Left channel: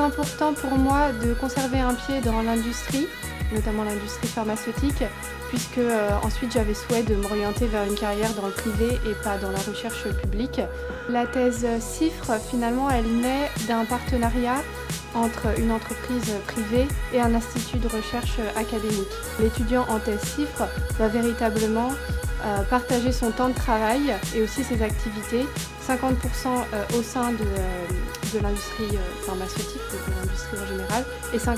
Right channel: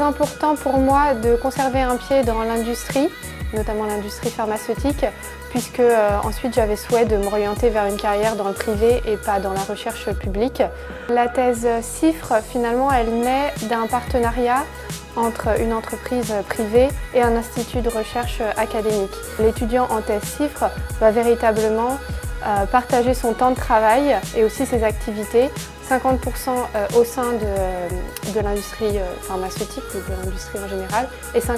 très important pour moi de conserver un pied dans l'industrie, notamment l'industrie pharmaceutique, puisque ensuite j'avais souhait de m'orienter vers une carrière dans le privé et pas dans la recherche publique. La thèse CIFRE, finalement, elle naît d'un partenariat entre une entreprise privée et un institut de recherche académique. L'étudiant en thèse CIFRE va véritablement partager son temps de travail et aussi ses activités, 50% au sein de l'industrie pharmaceutique ou de l'industrie en général et 50%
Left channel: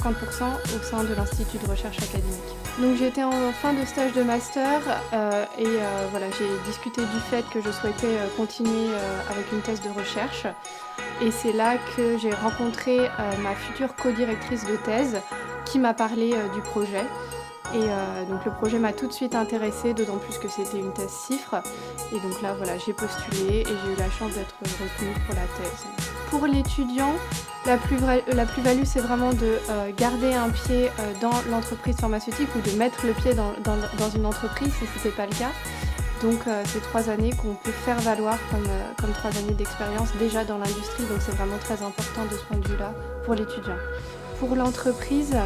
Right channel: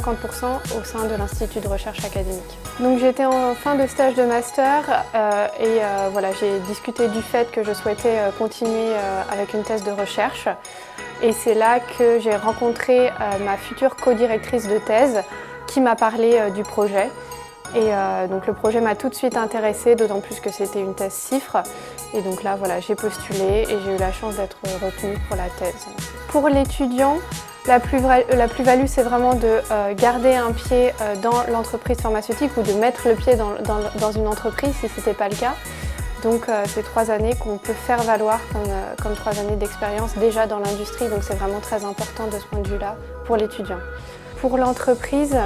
au sein de l'Institut de recherche académique. Donc j'étais en fin de stage de master voilà, j'ai discuté du fait que je souhaitais continuer avec une thèse de recherche et c'est là que j'ai rencontré ma future co-directrice de thèse qui m'a parlé du projet. Et donc le projet m'a tout de suite intéressée, d'autant plus que c'était une thèse CIFRE. Et donc là, voilà, j'ai postulé et j'ai eu la chance d'être retenue pour la thèse. Pour l'étudiant, la plus-value, c'est vraiment de garder un pied dans l'entreprise pharmaceutique ou de mettre le pied dans une entreprise si ce n'était pas le cas. Donc c'est 3 années qu'on peut faire valoir comme 3 années d'expérience déjà dans l'industrie, donc c'est vraiment très important de ce point de vue-là pour l'étudiant. Pour l'entreprise,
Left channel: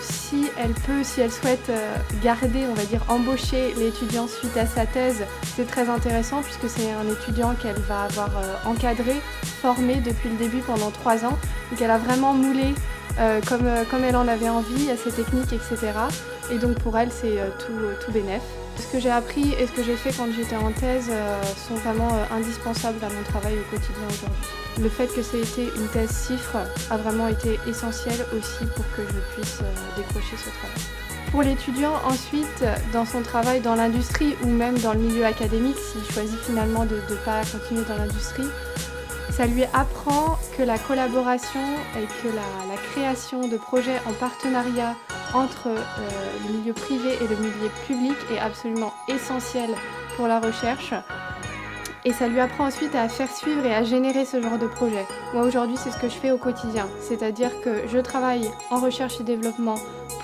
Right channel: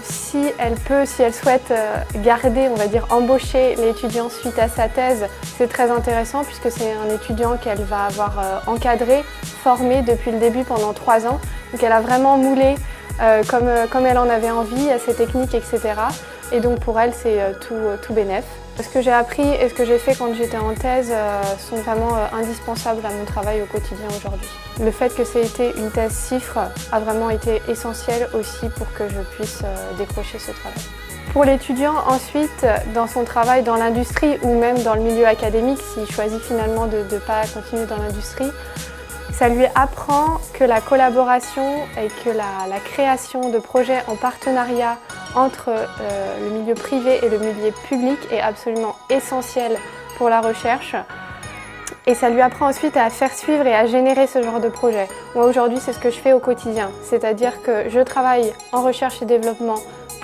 si elle souhaite garder, on va dire embaucher l'étudiant suite à sa thèse, c'est très intéressant puisque c'est un étudiant qu'elle va avoir encadré, formé depuis le début pendant 3 ans. Donc elle a vraiment moulé comme elle en avait envie, à ses techniques, etc. Et donc pour elle, c'est tout bénef. Ce que j'ai appris et ce que j'ai fait quand j'étais en thèse sont vraiment indispensables à mon travail au quotidien aujourd'hui. Le fait que c'était une thèse CIFRE a vraiment été essentiel aussi pour que je puisse décrocher ce travail. Pour l'étudiant, ensuite, dans son travail dans l'industrie ou même dans le milieu académique, s'il choisit finalement de ne pas continuer dans l'industrie, ça lui apprend que la collaboration et que la création de projets en partenariat entre le milieu privé et le milieu public est absolument essentielle pour la recherche. Et ça lui apprend ensuite à faire suivre et à générer ce genre de projet. Moi aujourd'hui, c'est ce que je fais au quotidien, c'est-à-dire que je travaille en recherche et développement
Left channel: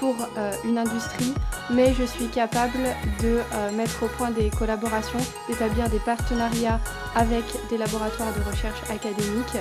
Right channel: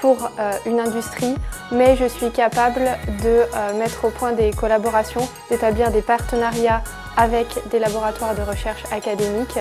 pour une industrie, mais je suis capable de mettre au point des collaborations, d'établir des partenariats avec des laboratoires de recherche académiques